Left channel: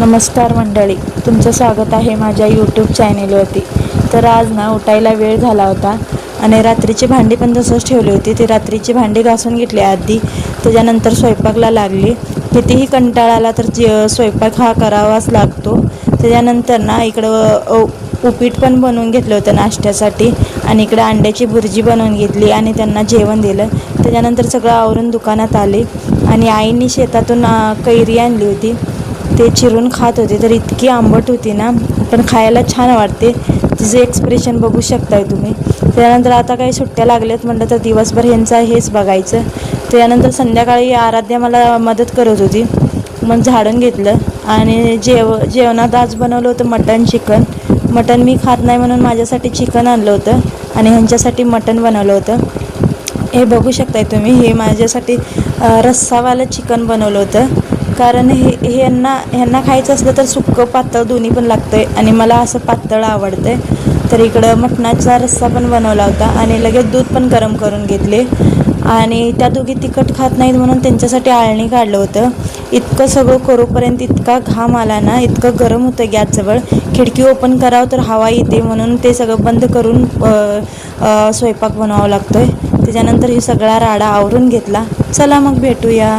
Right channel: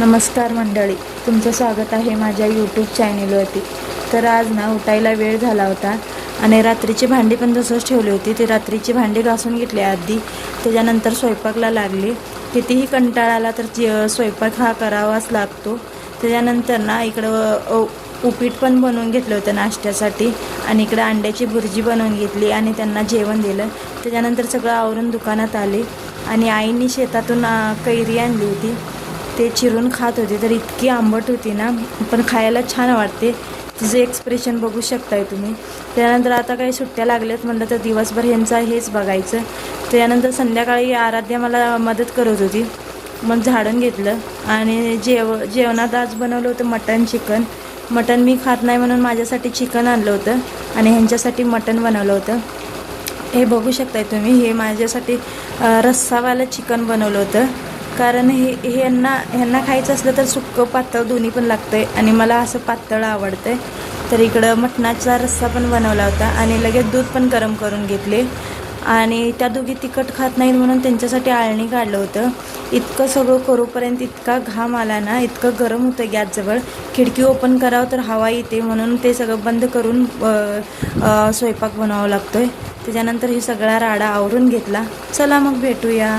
नमस्कार मंडळी, तुमचं स्वागत आहे माझ्या यूट्यूब चॅनेलवरती। तर आज ना उठायला वेळ झाला होता आणि रात्रीची भांडी पण तसंच ठेवली होती। ती रात्रीची भांडी घासून घेतली आधी, त्याच्यानंतर स्वयंपाकला लागली। कितीही कंटाळा आला तर स्वयंपाक हा करावाच लागतो। त्याच्यानंतर ना इकडं उपीट पण बनवून घेतलं होतं नाश्त्यासाठी आणि इकडं अंड्याची भुर्जी बनवून घेतली आणि त्यांना जेवण दिलं। त्याच्यानंतर सगळं आवरून दुकानात आले आणि आईने शेतातून कैरी आणली होती, ते चिरून खात होते। तर इतकी आंबट होती ना, पण खायला छान वाटते। तिचं एक्सप्रेशन बघू शकताय तुम्ही। त्यानंतर आता काही सुट्ट्या लागल्यात म्हटलं तर दिवसभर ह्यांचं हेच बघायचं। त्यानंतर संध्याकाळी आराध्या मला मदत करत होती, मग झाडून घेतलं आणि जेवणात आज बनवलं होतं मटन चिकन। मटन मी खात नाही म्हणून माझ्यासाठी चिकन आणलं होतं आणि ह्यांच्यासाठी मटन बनवलं होतं। हे बघू शकताय तुम्ही, हे माझ्यासाठी रस्सावालं चिकन बनवलं होतं, कारण ह्यांना खायचं असलं तर सुक्कं पातळ दोन्ही पण लागतंय आणि मला असं पातळ आवडतंय। तर इकडं मटणाचा रस्सा पण बनवला होता आणि लगेच दूध पण गरम करून घेतले आणि त्या दोघी तिखट खात नाहीत म्हणून त्यांच्यासाठी आळणी काढलं होतं। इतकं सगळं करूपर्यंत इतका घाम आला ना, इतकं गरम होतं गॅसजवळ। खिडकी ओपन करावं तर हवा येते म्हणून ते सगळं बंद करून स्वयंपाक बनवावा लागतोय। त्याच्यानंतर हे सगळा राडा आवरून घेतला। चला मग भेटूया।